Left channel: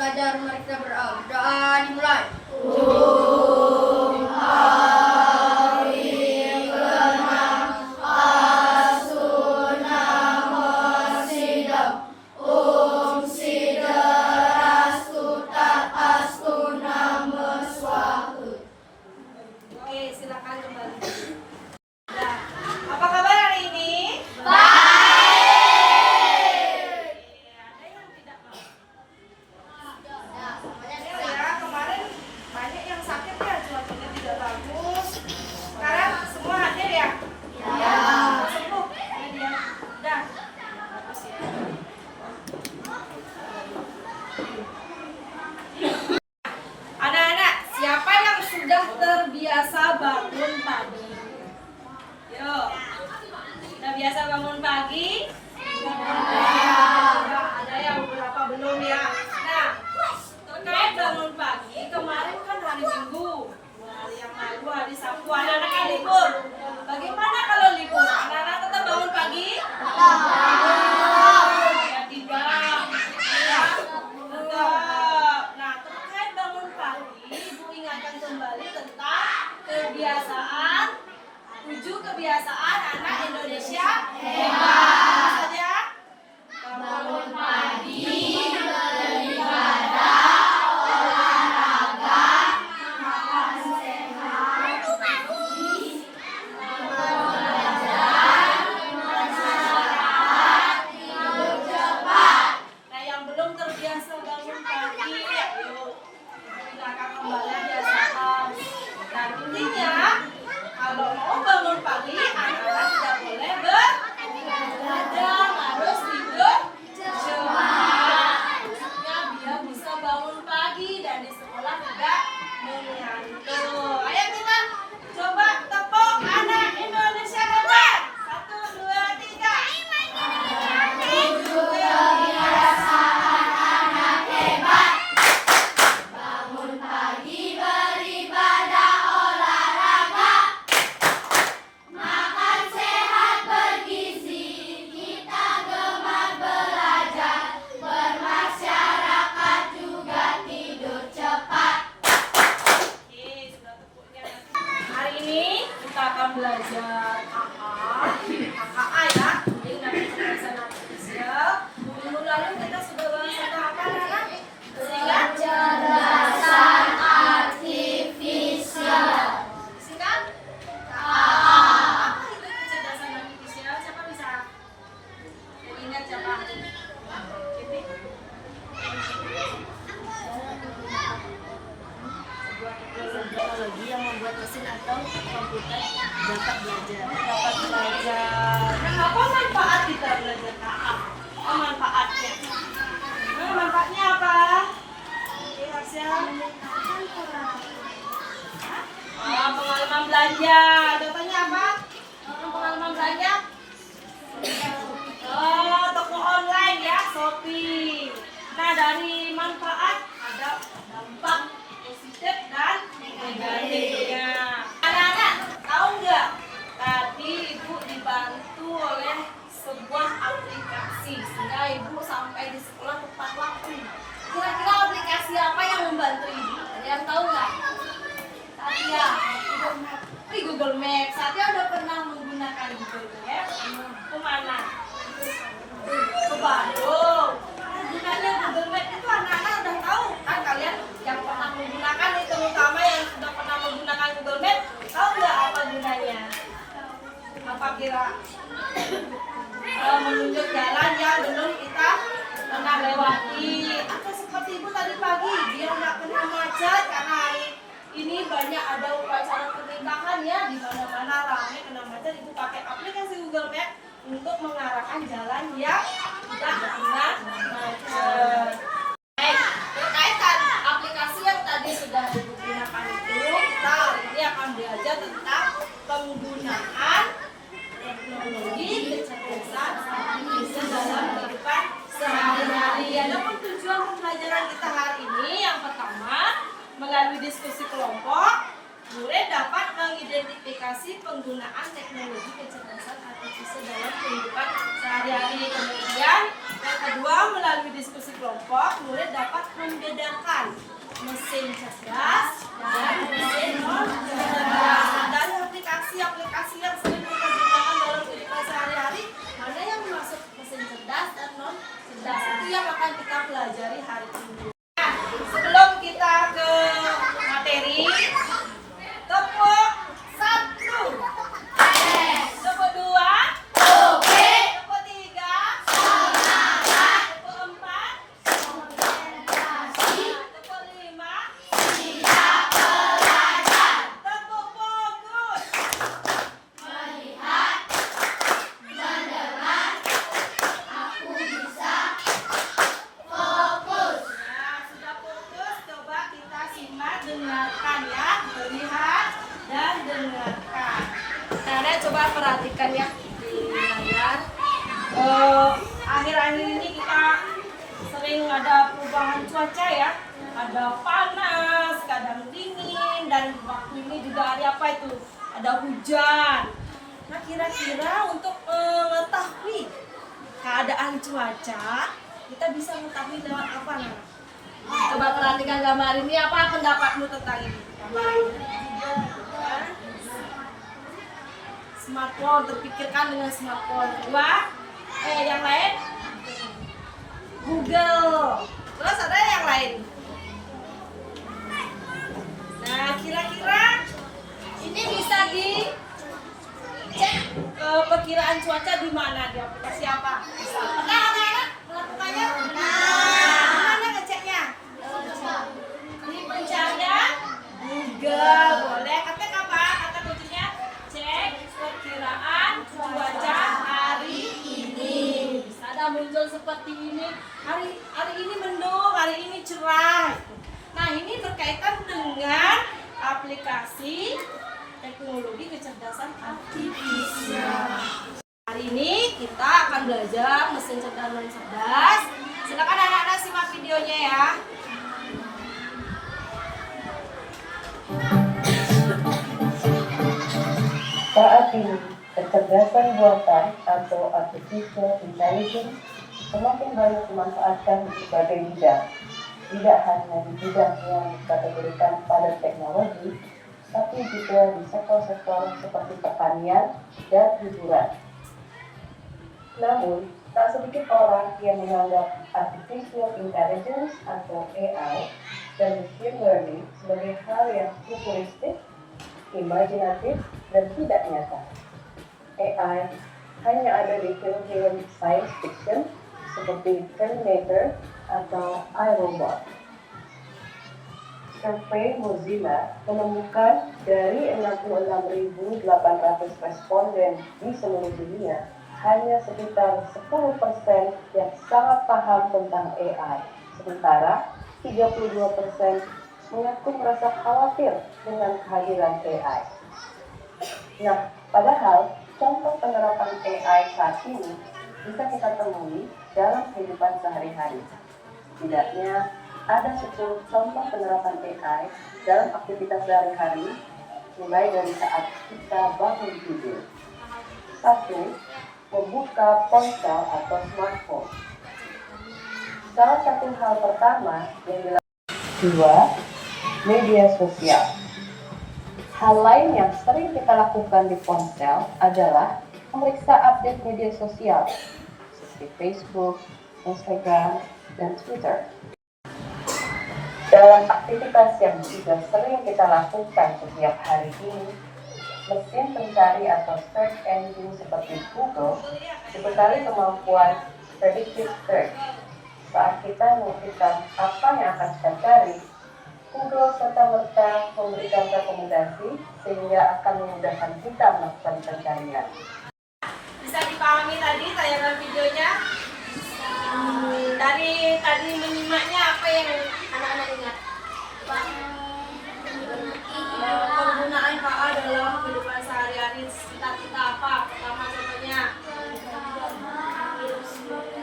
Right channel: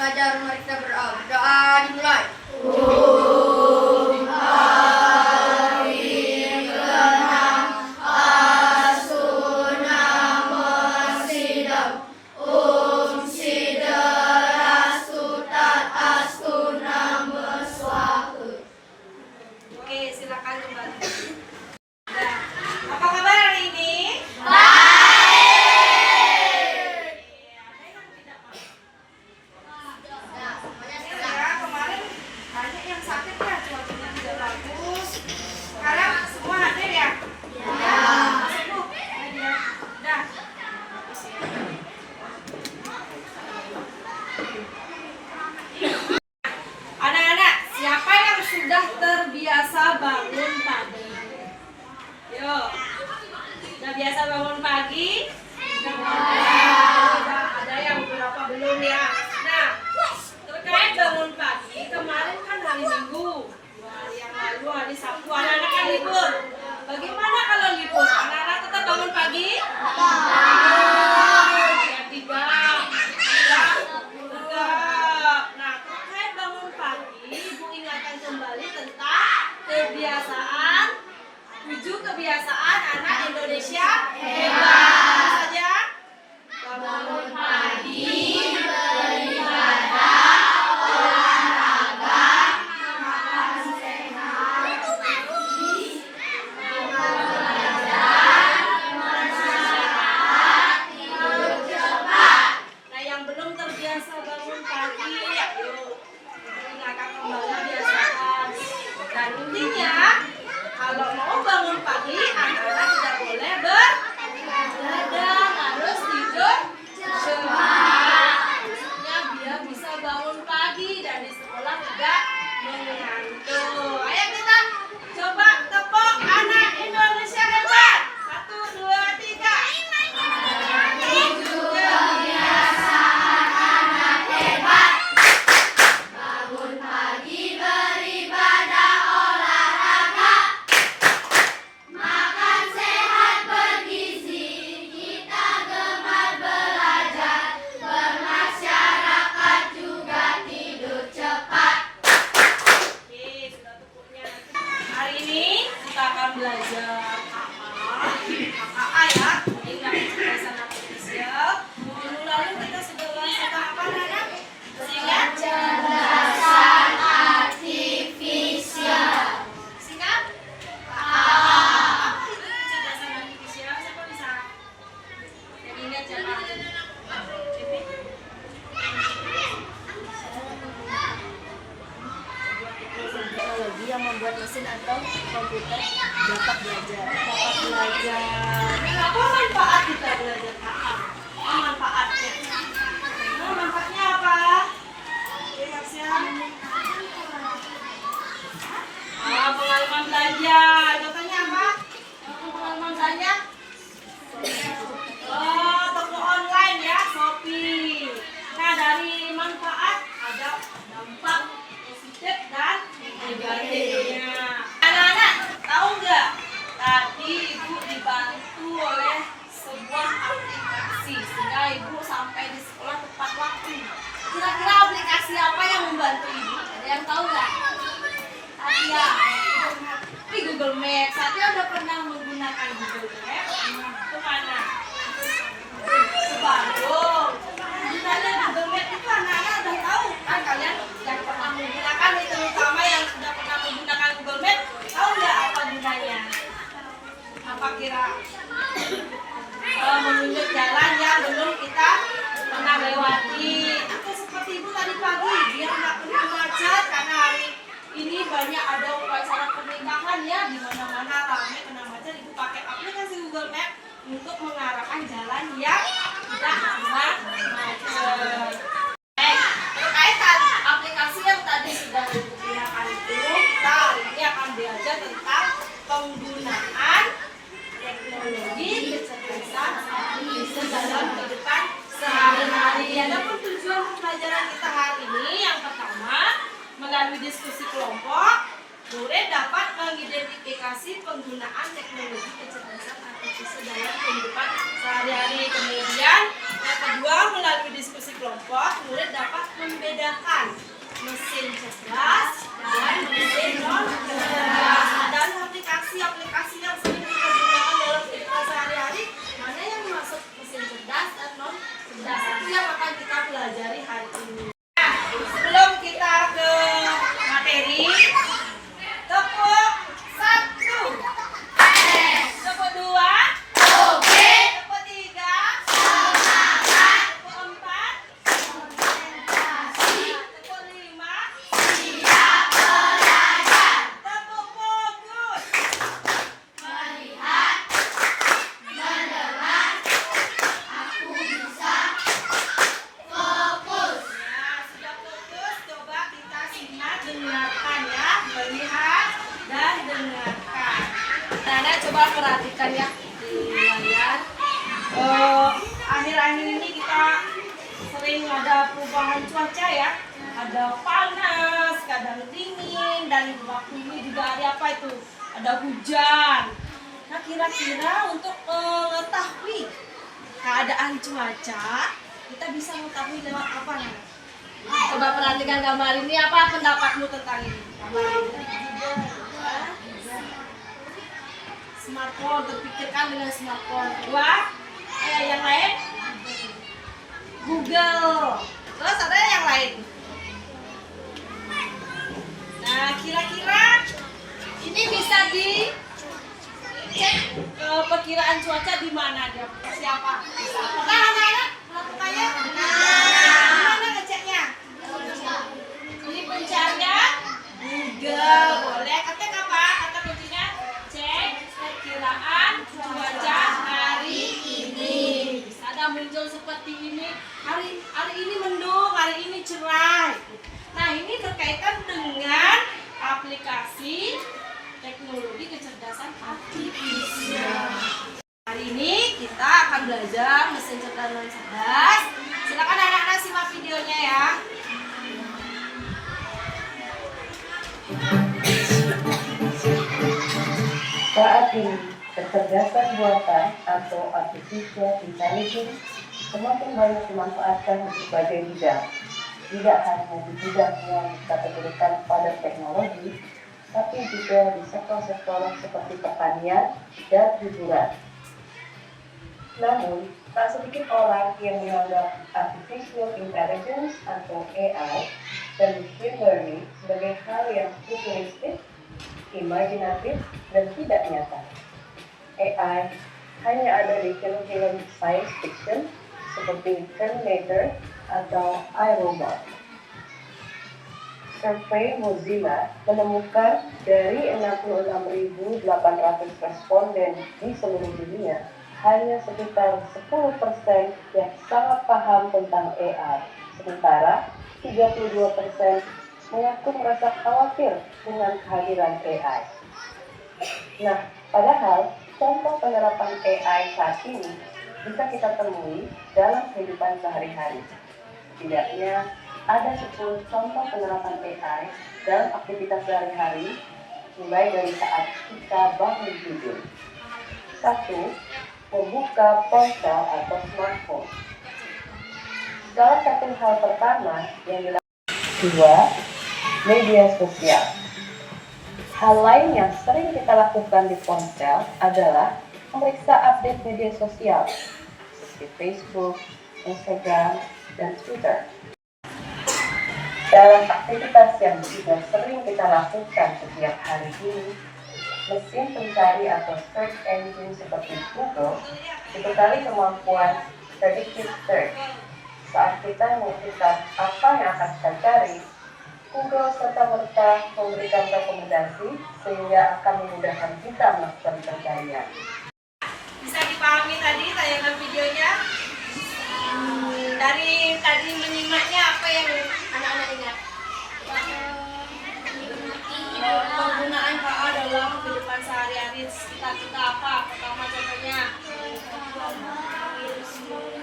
belajar, mari kita berdoa. Doa dimulai. Oke, silakan kembali. Nah, apa kabar hari ini? Ada yang tidak mau? Ya, kemarin banyak yang sakit ya, cuacanya tidak bagus. Sekarang semua hadir ya? Ya. Sembuh. Dah. Anak-anak, siapa yang sudah terbiasa bangun pagi? Yo, sudah biasa bangun pagi? Ada yang beberapa belum ya. Nah, terkait bangun pagi, kemarin kan hari Minggu, 2 hari yang lalu hari Sabtu, anak-anak kan libur. Bagaimana kalau libur? Anak-anak tetap bangun pagi? Ya tidak. Tetap. Nah, terkait bangun pagi, Ibu ingatkan kembali tentang kebiasaan 7 kebiasaan anak Indonesia hebat. Apa saja? Bangun pagi, beribadah, olahraga, makan sehat, belajar, masyarakat, tidur cepat. Nah, yang belum terbiasa bangun pagi, yuk ingatkan kembali biasakan. Dan intinya, kalau mau bangun pagi, anak-anak tidak boleh begadang, harus tidur cepat. Maksudnya biar bisa bangun pagi dan di sekolah tidak mengantuk. Ayo kita coba tepuk anak Indonesia hebat. 1, 2, 3. Itu kebiasaan anak hebat. Bangun pagi, beribadah, olahraga, makan sehat bergizi, kita gemar belajar, bermasyarakat juga tidur cepat. Oke, sudah tepuknya. Hari ini kita akan belajar KA ya. Ini dari kecerdasan artifisial. Minggu lalu kita sudah bahas tentang apa, Nana? Singkat? Kecerdasan artifisial. Singkat? Apa itu kecerdasan artifisial? Siapa bisa? Jadi ingat siapa? Pipi? Teknologi yang membuat mesin atau komputer dapat belajar. Nah, apa manfaat kita belajar KA? Apa manfaatnya? Nah, manfaatnya apa? Oke, Harsian. Pengalaman belajar. Contohnya apa? Pengalaman belajar? Oh, toko online ya, Shopee. Nah, dari manfaat ada dampak positif dan negatifnya. Anak-anak, tahu nggak? Tadi Ibu dibantu oleh sebuah aplikasi sehingga Ibu sampai di sekolah tepat waktu. Kira-kira aplikasi apa yang membantu Ibu? Ada yang tahu nggak? Satya, Google Maps. Satya udah pernah menggunakan Google Maps? Kemana? Ke Bandung. Gunanya Google Maps itu anak-anak udah tahu kan? Kalian yang pernah menggunakan, terutama yang sudah pernah menggunakan Google Maps, tahu nggak apa gunanya? Apa kira? Menunjuk jalan yang belum kita pernah lewati. Atau seperti Ibu tadi pagi, biar nggak kena macet karena hari ini banyak ada upacara pernikahan ya, di mana-mana ramai kena macet. Ibu pakai aplikasi Google Maps untuk mengarahkan jalan yang tidak kena macet. Baik, terkait aplikasi yang tadi sudah Ibu gunakan itu, kita hari ini akan belajar tentang penggunaan teknologi kecerdasan artifisial dalam kehidupan sehari-hari. Adapun tujuan pembelajaran kita hari ini, yang pertama, melalui diskusi kelompok, murid dapat mengidentifikasi penggunaan teknologi kecerdasan artifisial dalam kehidupan sehari-hari. Kemudian, yang kedua, melalui diskusi kelompok, murid dapat membedakan mesin cerdas dan mesin non cerdas. Dari aplikasi yang sering kita gunakan dalam kehidupan sehari-hari, mana yang masuk mesin cerdas dan non cerdas, itu yang akan kita pelajari hari ini. Nah, sebelum kita ke materi, tepuk 1, tepuk 2, tepuk 3, tepuk 4, tepuk 5, tepuk fokus. Nah, sudah fokus, coba kita simak, dengarkan ya, melihat dan dengarkan. Nah, coba perhatikan ya di layar. Akhir-akhir ini kita sering ada perubahan cuaca ya. Ada panas, kadang dingin, dan waktu ini juga hari apa itu? Ada hujan. Nah, kira-kira untuk mengetahui keadaan cuaca, kita bisa mengetahui lewat apa nih? Coba perhatikan gambar ini, apa pendapatmu tentang ini? Gambar ini. Hah? Smartphone, terpikirkan dengan smartphone. Yang lain? Google. Terus ada yang lain? Nah, kira-kira ini bisa dicek perkiraan cuaca di mana, di aplikasi apa? Bisa. Pernah anak-anak melakukannya? Di mana ngeceknya? Di pencarian Google. Boleh. Ketik apa? Kata kuncinya cek perkiraan cuaca hari ini. Bisa ada muncul seperti ini. Hari ini mendung, hari ini cerah. Nah, ini berkaitan dengan aplikasi teknologi kecerdasan artifisial. Hari ini kita akan belajar mesin cerdas dan cerdas. Silakan anak-anak simak videonya ya. Saat ini, kecerdasan buatan atau artificial intelligence semakin banyak dimanfaatkan di berbagai bidang. Tidak hanya di bidang yang dikategorikan pada teknologi, tapi juga di sektor-sektor seperti pertanian dan hiburan. Namun, tak sedikit orang yang menganggap artificial intelligence atau AI dan machine learning sebagai hal yang futuristik, imajinatif, dan tidak nyata. AI hanya ada di film-film science fiction seperti Terminator atau iRobot. Survei Mozilla menemukan dari 66.800 responden di seluruh dunia, hanya sekitar 10% yang sangat paham tentang AI, sementara 32% mengaku merasa khawatir dengan kehadiran AI. Nah, padahal contoh penerapan AI saat ini bisa kita temui dalam kehidupan sehari-hari. Setidaknya ada 10 contoh penerapan AI dalam aktivitas sehari-hari, mulai dari saat kita bangun tidur. 1. Membuka ponsel atau smartphone. Salah satu hal pertama yang dilakukan. 2. Media sosial. Hal lain yang sering kita lakukan di ponsel adalah memeriksa update media sosial seperti Facebook, Instagram, dan Twitter. Dalam aktivitas yang juga sering kita lakukan setiap hari ini, mesin pencari atau search engine seperti Google dibekali kemampuan predictive search. Saat kita menentukan apa yang akan kita cari, Google serta-merta memberikan rekomendasi sehingga akan memudahkan kita melakukan pencarian. Bisa dipahami tadi tayangan videonya? Dari tadi menyimaknya apa yang anak-anak ingat? Penggunaan KA dalam kehidupan sehari-hari sekitar kita apa? Pertama contohnya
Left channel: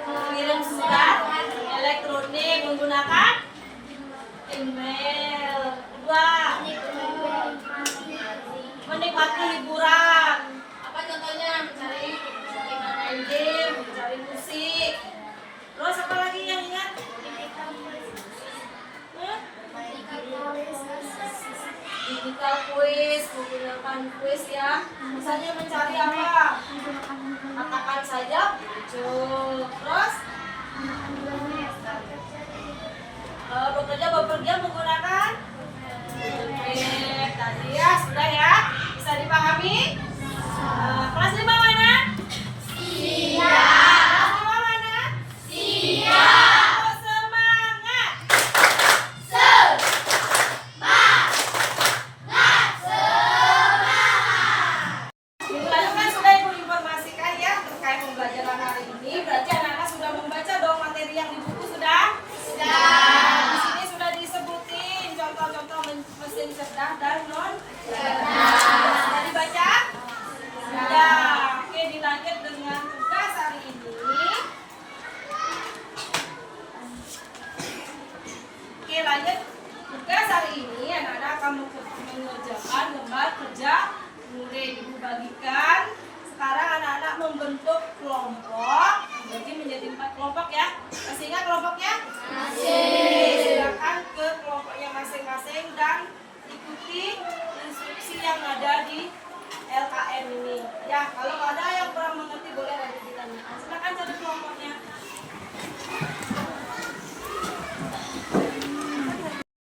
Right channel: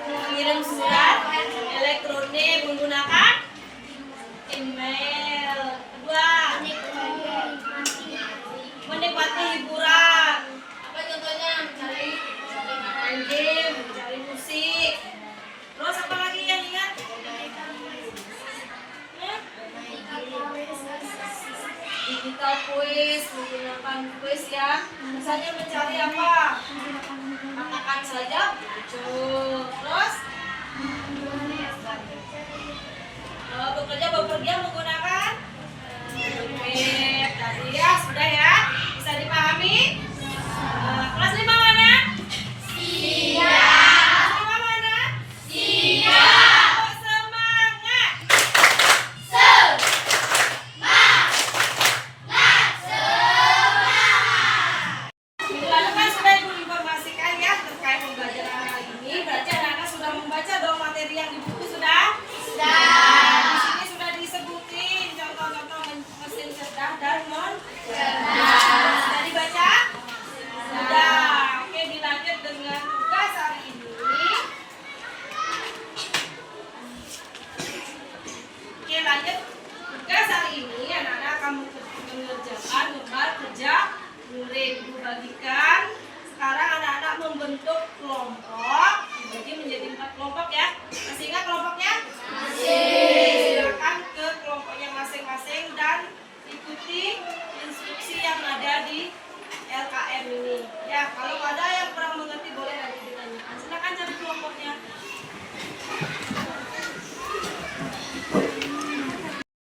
mengirim surat elektronik menggunakan email. Kedua, menikmati hiburan. Apa contohnya? Main game, mencari musik. Terus apa lagi yang ingat? logical quiz, menggunakan quiz ya. Misalnya mencari apa? Katakan saja muncul. Terus bekerja bepergian menggunakan tadi ya, sudah ya. Bisa dipahami? Kelas 5 mana? Siap. Kelas 5 mana? Siap. Oh, semangat. Minggu lalu kan sudah Ibu informasikan ya terkait pembelajaran hari ini. Berarti anak-anak sudah membaca dong materi yang di buku sudah? Sudah. Di sini sudah disebutin contoh-contoh mesin cerdas dan non cerdas. Sudah dibaca? Sudah. Oke, dilanjut dengan tugas hari ini. Oke, lanjut. Tugas hari ini anak-anak akan mengerjakan lembar kerja murid. Ibu bagikan. Sekarang anak-anak membentuk kelompok. Dibagi menjadi 4 kelompok ya. Masih ingat kelompoknya? Masih. Silakan ke kelompoknya masing-masing dan ikuti instruksi yang ada di LKM ini. Ya, kalau ada yang kurang mengerti boleh nanti ditanyakan. Silakan cari kelompoknya.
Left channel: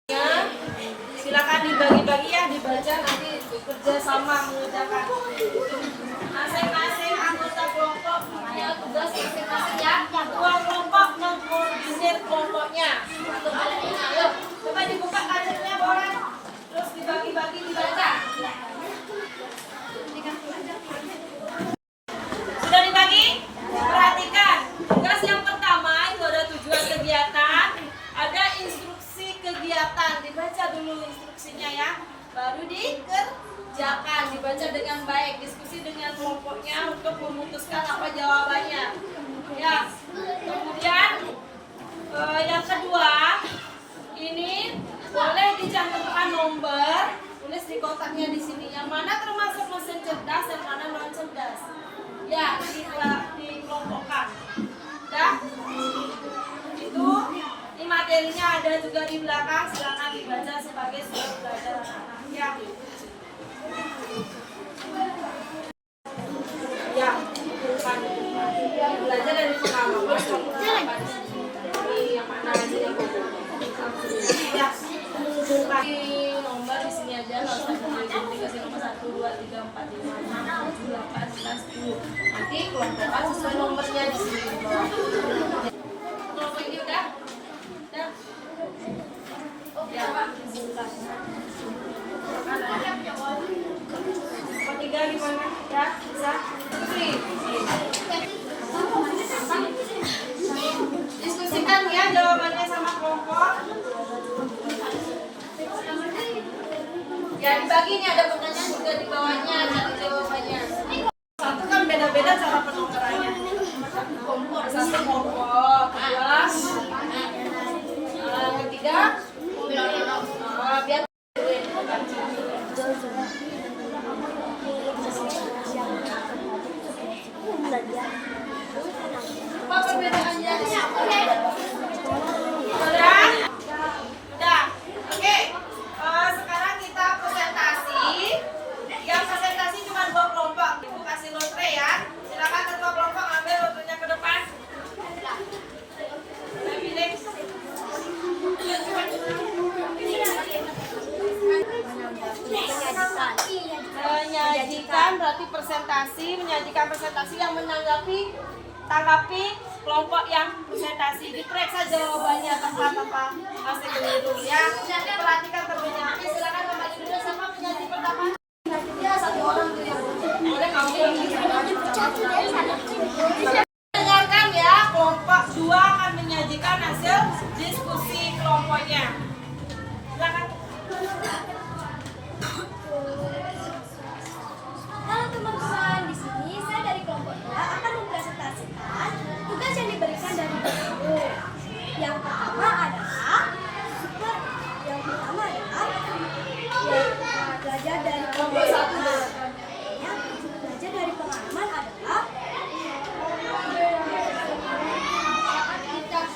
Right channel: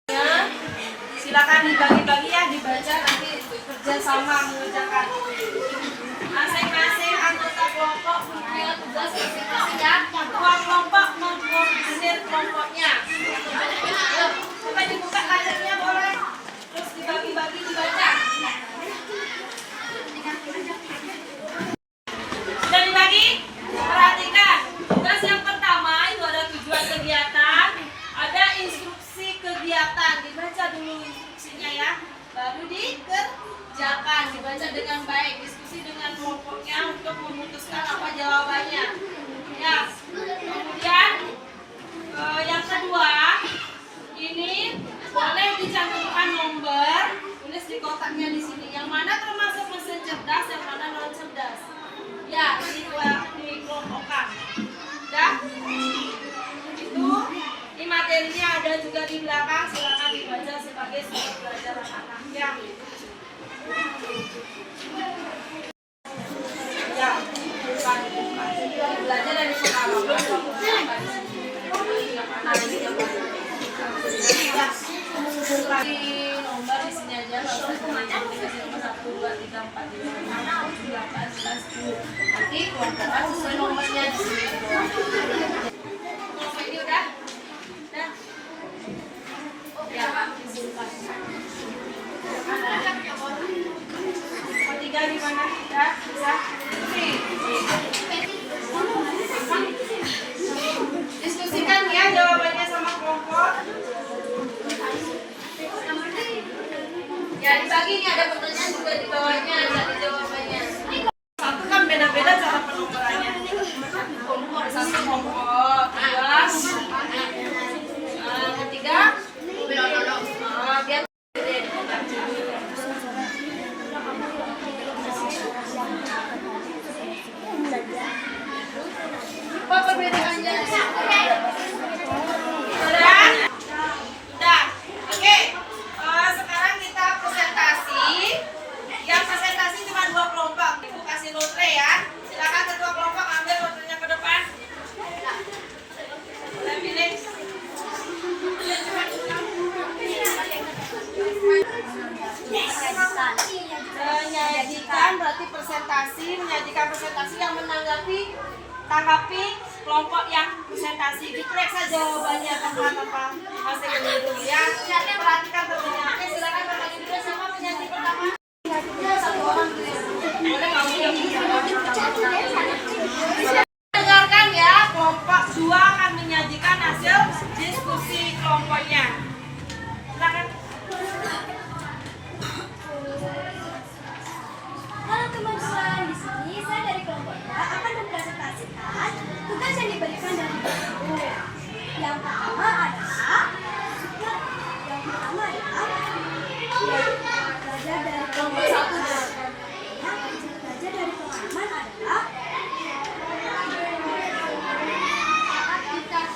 Ya, silakan dibagi-bagi ya, dibaca nanti kerja sama mengerjakan. Masing-masing anggota kelompok punya tugas masing-masing ya. Ketua kelompok mengkoordinir kelompoknya. Ayo, coba dibuka kadernya boleh. Terus dibagi-bagi dibaca. Sudah dibagi? Perhatikan. Tugas yang pertama itu ada tujuan kegiatan, ada instruksi kegiatan. Dibaca dulu instruksinya ya. Baru dikerjakan, dibaca dengan baik, diskusi dengan kelompoknya untuk memutuskan apa jawabannya. Ya. Kemudian yang kedua, ini boleh dicantumkan nomor, tulis di kotaknya di sini. Yang mana termasuk mesin cerdas, yang mana non cerdas. Ya, dikelompokkan. Dah? Itu ini materinya ada juga di belakang, silakan dibaca sebagai sumber belajar anak-anak. Ya. Ya, bukan belajar dari pengalaman. Yang mana ini yang mana? Ya, di nomor di sini aja. Dikasih nomor 1, 2, 3, 4, 5, 6, 7, 8, 9, 10. Nanti kelompokan sesuai nomornya di sini. Kelompok ini udah? Dan ya, izinkan. Kelompok 3 di mana? Ya, bisa? Diskusikan ya jawabannya sama kelompok. Ya, dibagi nih ada pertanyaan juga di bawahnya, cari jawabannya. Satu kan beda-beda cara penukarannya. Satu kelompok, dua, ketiga, biar apa perbedaannya? Udah? Udah. Oke. Sekarang kita presentasi. Yang presentasi cuma 2 kelompok. Ibu kasih lotre ya. Silakan ketua kelompok ambil lotrenya ke depan. Saya pilih. Menyajikan berarti presentasi, menyajikan presentasi yang tanggapi kelompok yang presentasi. Diperiksa jawabannya tanpa masih keliru ya. Perhatikan terlebih. Oke, silakan kembali dulu sama penyaji pertama. Ya, 1 orang boleh kamu. Dengarkan ya, kelompok 2 akan menyajikan hasil diskusi kelompoknya. Silakan. Halo teman-teman, di sini saya dari kelompok A akan mempresentasikan tugas yang diberikan dari buku. Yang pertama adalah belajar dari kelompok 1. Belajar dari pengalaman adalah aktivitas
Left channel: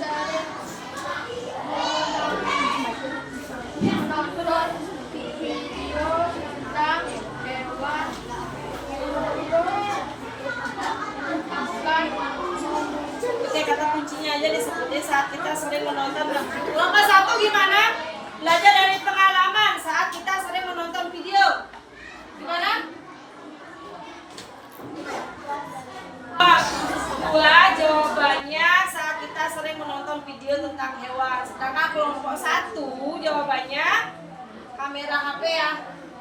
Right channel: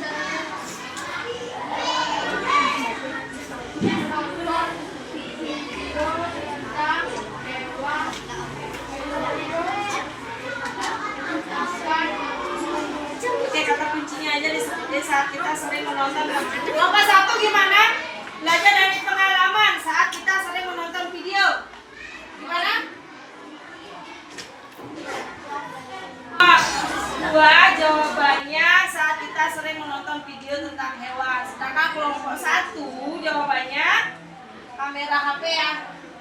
sering menonton. Kelompok 1 gimana? Belajar dari pengalaman saat kita sering menonton video. Gimana? Dua jawabannya saat kita sering menonton video tentang hewan. Sedangkan kelompok 1 jawabannya kamera HP ya.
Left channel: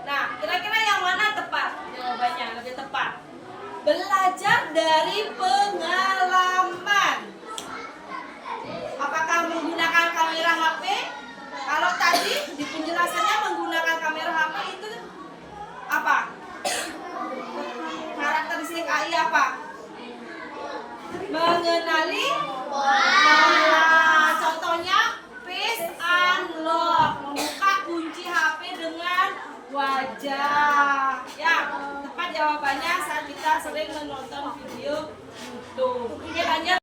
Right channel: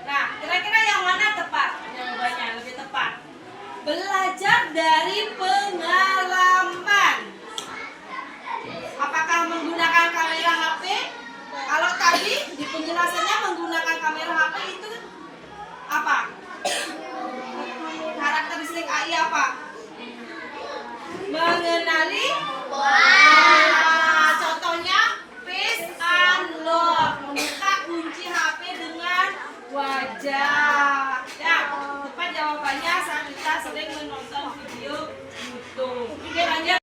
Nah, kira-kira yang mana tepat? Jawabannya lebih tepat. Belajar dari pengalaman. Apakah menggunakan kamera HP? Kalau tadi di penjelasannya menggunakan kamera HP itu apa? Karakteristik AI apa? Mengenali. Contohnya face unlock, membuka kunci HP dengan wajah. Ya, tepat jawabannya saat kita sering menonton video YouTube. Oke, lanjut.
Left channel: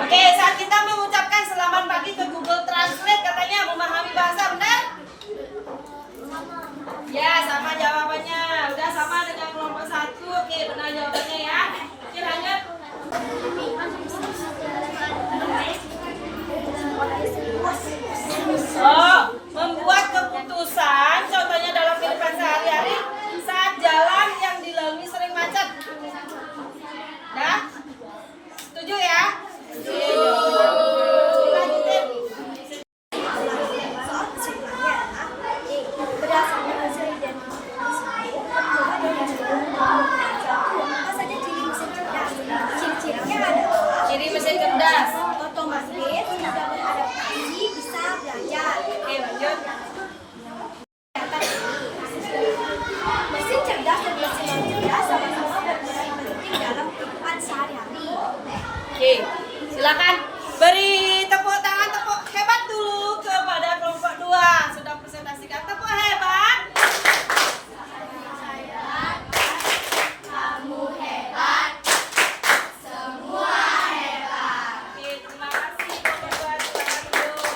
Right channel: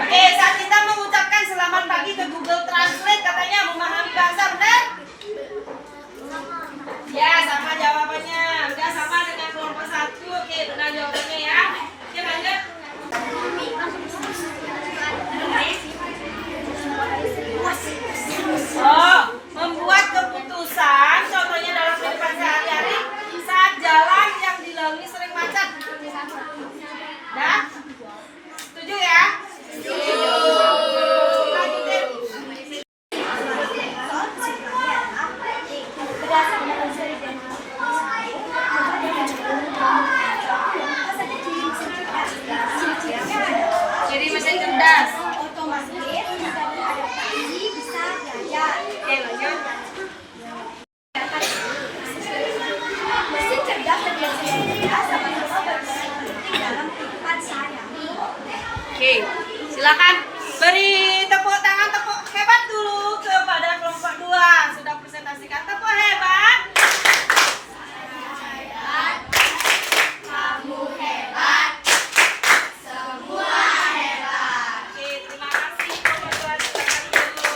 Oke, saat kita mengucapkan selamat pagi ke Google Translate katanya memahami bahasa, benar? Ya, sama jawabannya. Udah sama dengan kelompok 1. Oke, benar jawabannya ya. Oke, lanjut. Oh, membuat keputusan contohnya dalam kehidupan sehari-hari saat jalan yang dilalui sering macet. Dah? Setuju ya? Setuju. Lanjutin. Soal kesimpulannya adalah berdasarkan hasil identifikasi, coba deh mencoba apa saja ciri mesin cerdas. Ciri-cirinya adalah Jadi mesin cerdas. otomatis, mudah beradaptasi, bisa belajar. Oke, lanjut. Mesin cerdas dan mesin non cerdas sama-sama berperan penting dalam kehidupan sehari-hari. Oke, silakan beri tepuk tangan, tepuk hebat dulu kepada kelompok 2. Sudah presentasikan, tepuk hebat. Oke, terima kasih kelompok 2. Silakan dulu.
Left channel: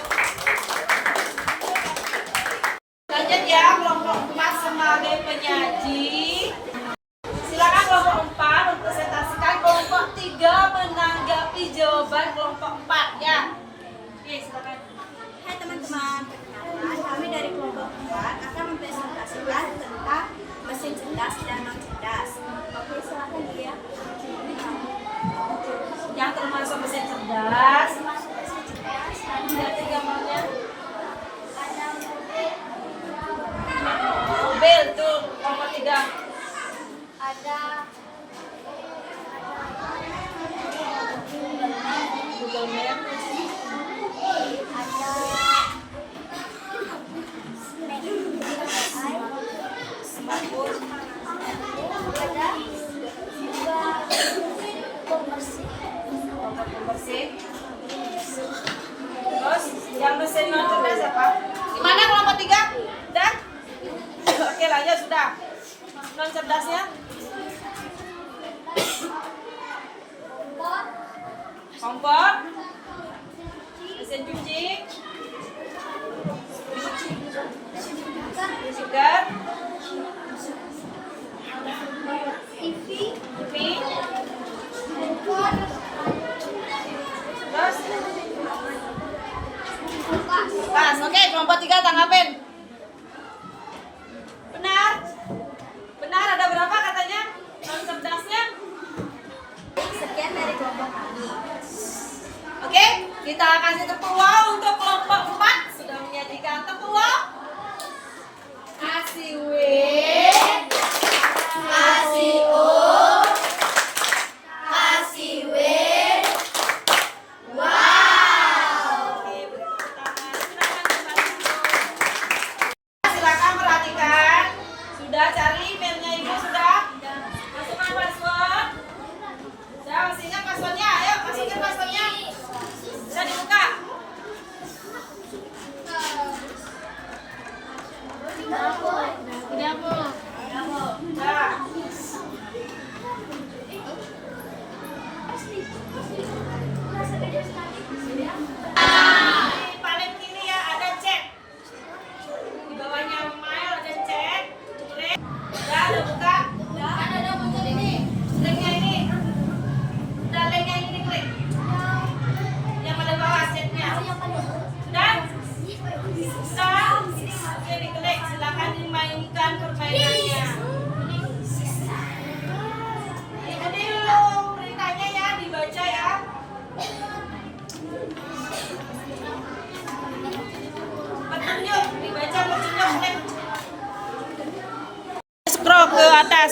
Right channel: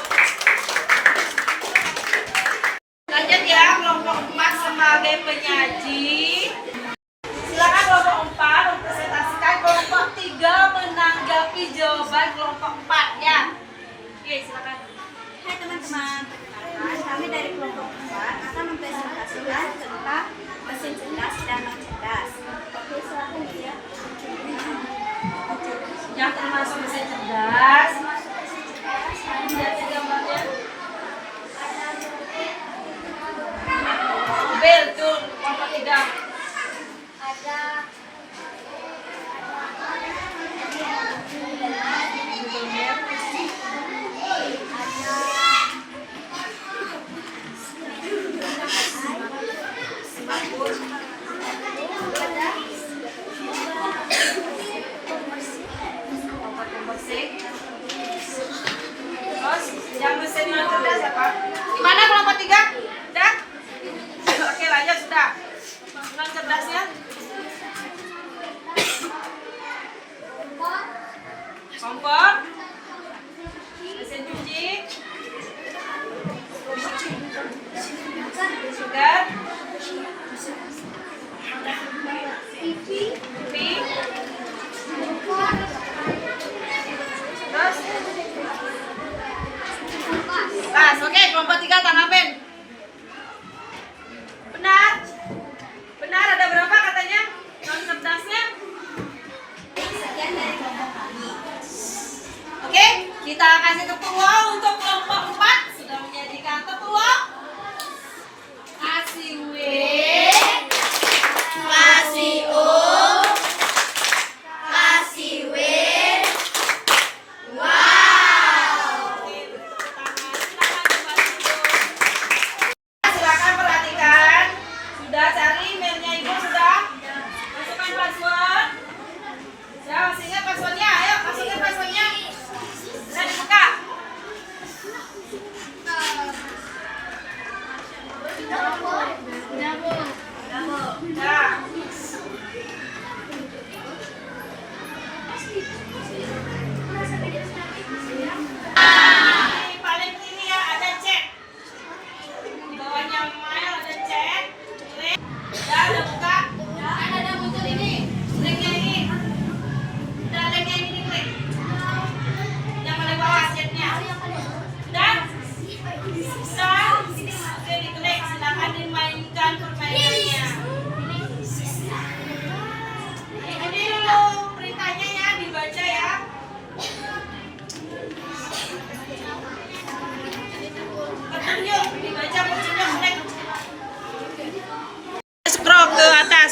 Lanjut ya, kelompok 4 sebagai penyaji. Silakan kelompok 4 mempresentasikan, kelompok 3 menanggapi jawaban kelompok 4 ya. Oke, silakan. Hai teman-teman, perkenalkan kami dari kelompok 4 akan mempresentasikan tentang mesin cerdas dan non cerdas. Oke, silakan dia. Yang termasuk mesin cerdas. Lihat di gambarnya. Mobil tuh kelompok 3. Ada Google Map. Pembersih. Terus yang mesin non cerdas apa? Di mana kelompok 3? Udah? Oke, lanjut sudah. Non cerdasnya? Kompor. Mesin cuci. Sugar. TV, TV. handphone, Terus kulkas. pas, oke, kelompok 3 tanggapin. Benar? Benar, ada berapa katanya?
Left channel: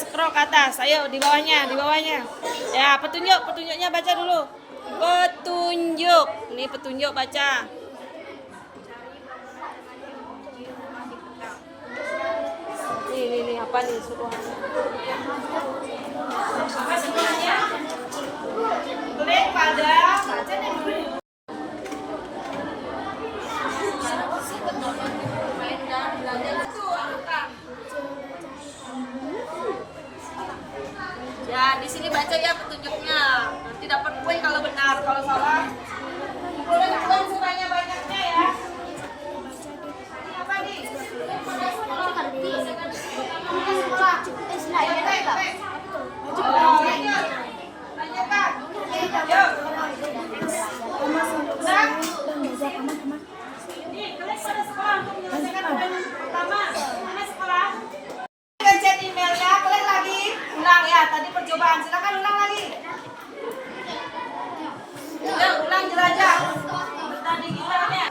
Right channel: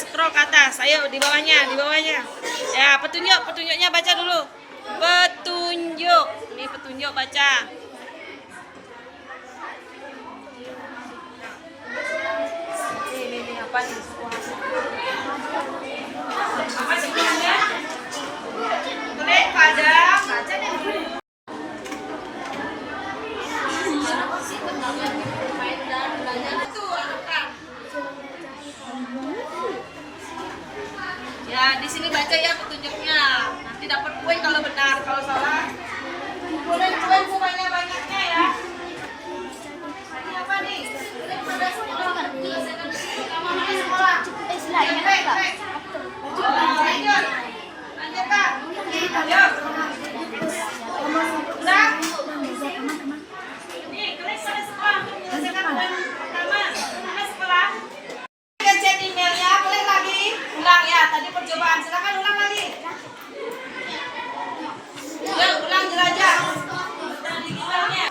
scroll ke atas. Ayo di bawahnya, di bawahnya. Ya, petunjuknya baca dulu. Petunjuk. Ini petunjuk baca. Ini apa nih? Apa sebenarnya? Kulit pada baca deh. Ya, di sini baca ya petunjuknya. Nanti dapat poin kalau benar, kalau salah. Kumpulin poin sebanyak-banyaknya ya. Ini apa nih? Ini pada sekolah. Lanjut. Lanjutkan. Ayo. Udah. Nih, kalian pada sekolah untuk menyelesaikan poin pertama. Mana sekolah? Chat emailnya, kalian lagi ulang ya. Tadi percobaan, silakan ulang lagi. Ya, ulang jelajah. Dan digitalnya.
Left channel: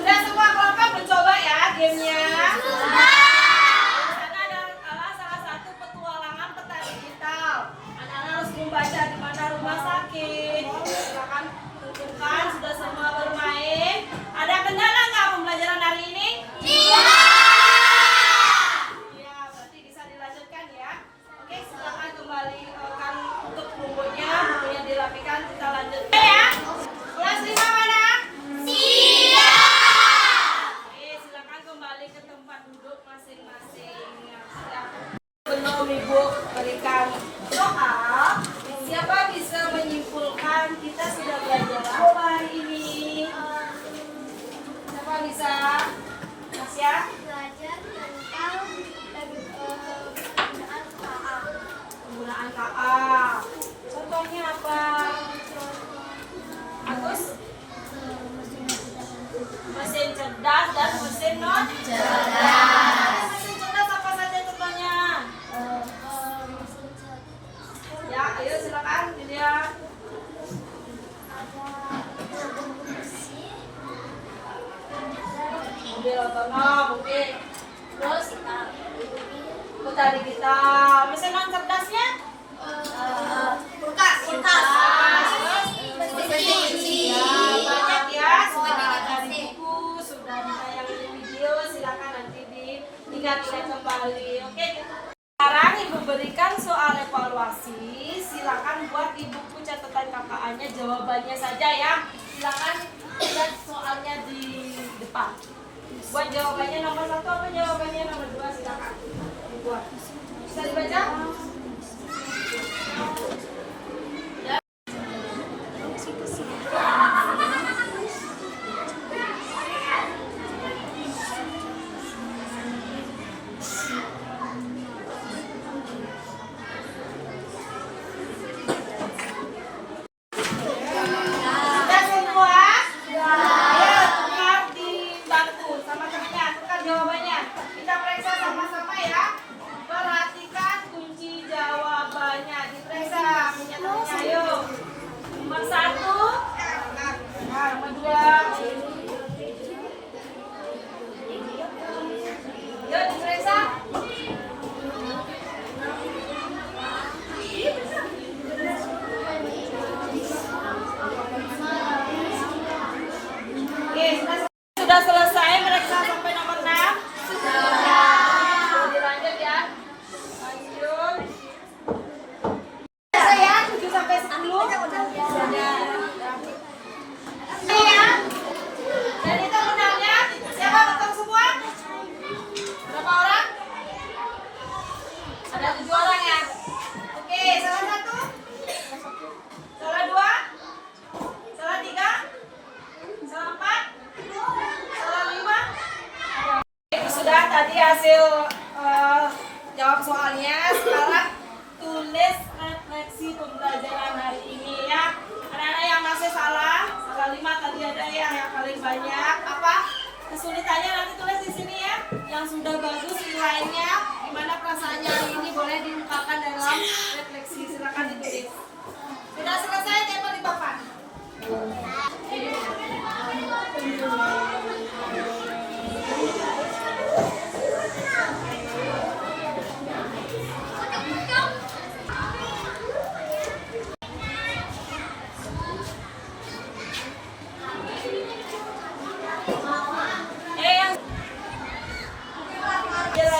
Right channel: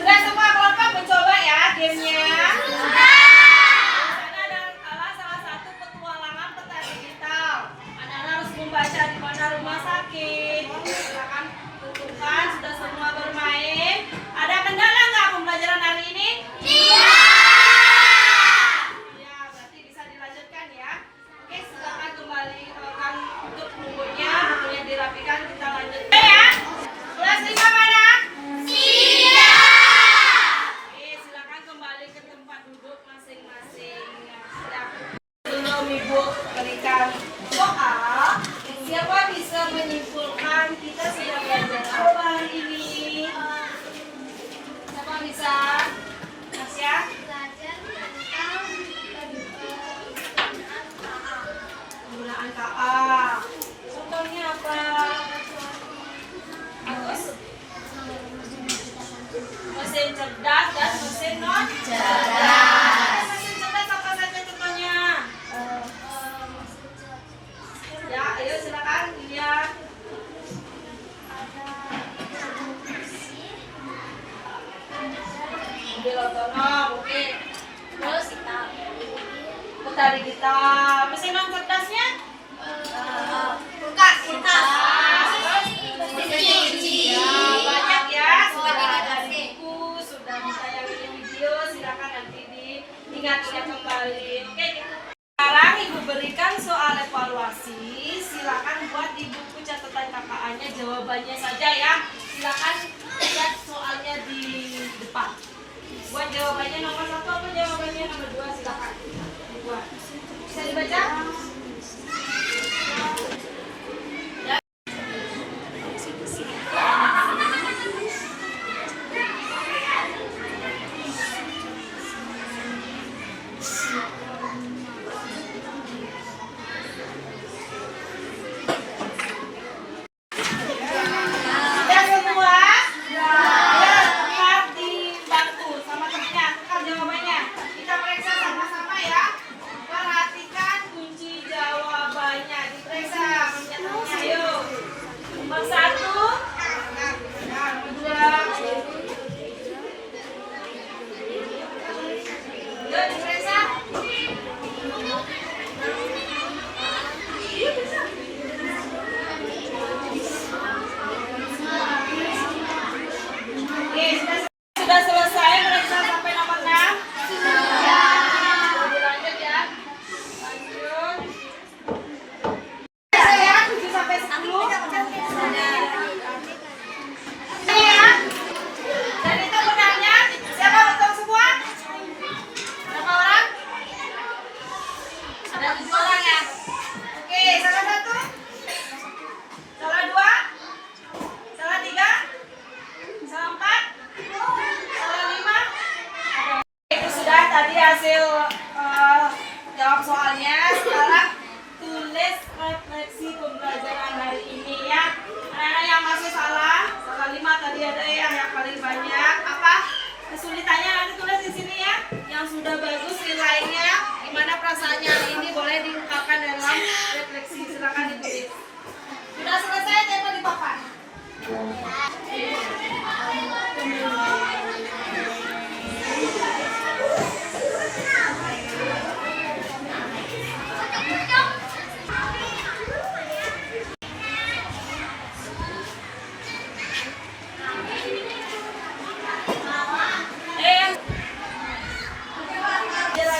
Sudah semua kelompok mencoba ya gamenya? Karena ada salah satu petualangan peta digital. Anak-anak harus membaca di mana rumah sakit. Silakan tentukan sudah semua bermain. Ada kendala nggak pembelajaran hari ini? Iya. Ya, berarti bisa dilanjutkan ya. Oke, silakan kembali kan untuk bukunya dirapikan, kita lanjut. Ya. Kelas 5 mana? Silakan kembali ke tempat duduk masing-masing. Sebelum Ibu berikan soal, siapa bisa menyimpulkan kita sudah belajar apa hari ini? Siapa bisa? Mas ya? Belajar tentang Penggunaan KA. Contohnya apa? Bagus? Mesin cerdas dan mesin non cerdas. Mesin cerdas apa saja contohnya? Ya, ayo silakan dilihat. Mobil otonom, oke. Terus peta digital. Mesin non cerdasnya? Kulkas. Ya, banyak ya. Sudah ada di buku, sudah ditayangin video. Silakan nanti diingat-ingat kembali. Oke. Sekarang Ibu berikan soal evaluasi. Silakan buat di buku catatan KKA-nya jawabannya saja ya. Silakan lihat soalnya di depan. Buat jawabannya nomor 1 atau jawabannya nomor 2 silakan dibuat. Bisa dibaca? Sudah semua? Ayo tukar di bangku sama temennya, tukar jawabannya. Kita periksa sama-sama ya. Perhatikan kunci jawabannya. Diperiksa temennya. Ayo. Nomor 1. Nomor 2. Yuk diperiksa. Oke, sudah selesai mereka sampai nomor 6. Sudah dilanjut hasil jawab soalnya. Sekarang tulis refleksi pembelajaran hari ini ya. Anak-anak yang masih salah 5 tadi ada yang paling banyak. Apa kesulitannya nanti tulis di sini ya. Yang sudah bagus nilainya, gimana perasaannya hari ini boleh diungkapkan dalam refleksi. Silakan ditulis. Sudah selesai tempel di papan.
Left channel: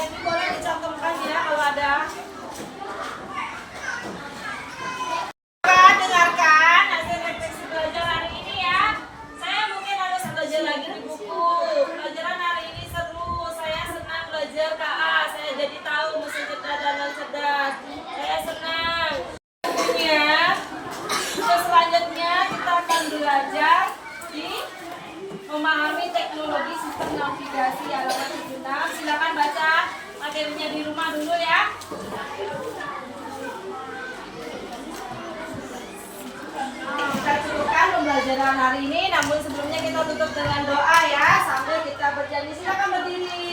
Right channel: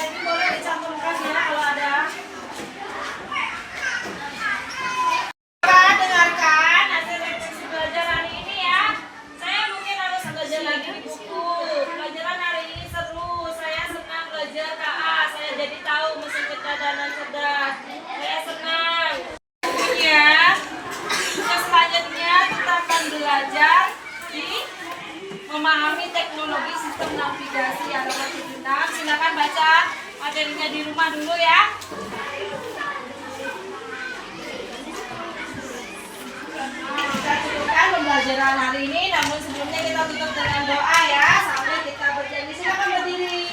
Ini boleh dicantumkan ya kalau ada. Dengarkan hasil refleksi belajar hari ini ya. Saya mungkin harus belajar lagi di buku. Pelajaran hari ini seru. Saya senang belajar KA. Saya jadi tahu mesin cerdas dan non cerdas. Saya senang. Bukunya. Yang selanjutnya kita akan belajar di memahami teknologi sistem navigasi halaman 76. Silakan baca materinya di rumah dulu ya. Kita cukupkan pembelajaran hari ini, namun sebelumnya kita tutup dengan doa ya, sambil kita berjanji. Silakan berdiri.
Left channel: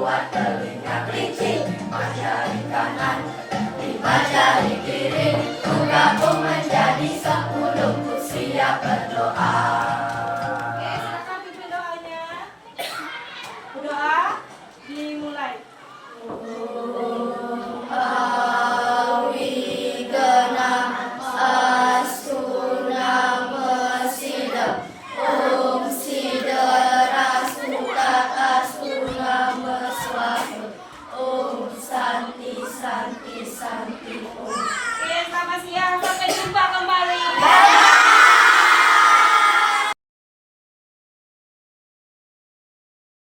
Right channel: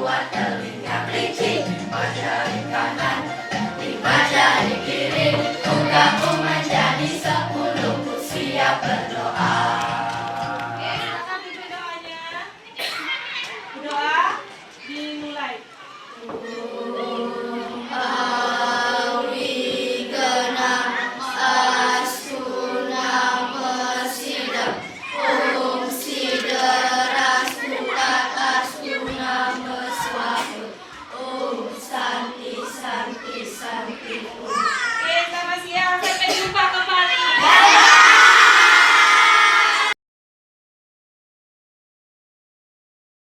Buat telinga kelinci,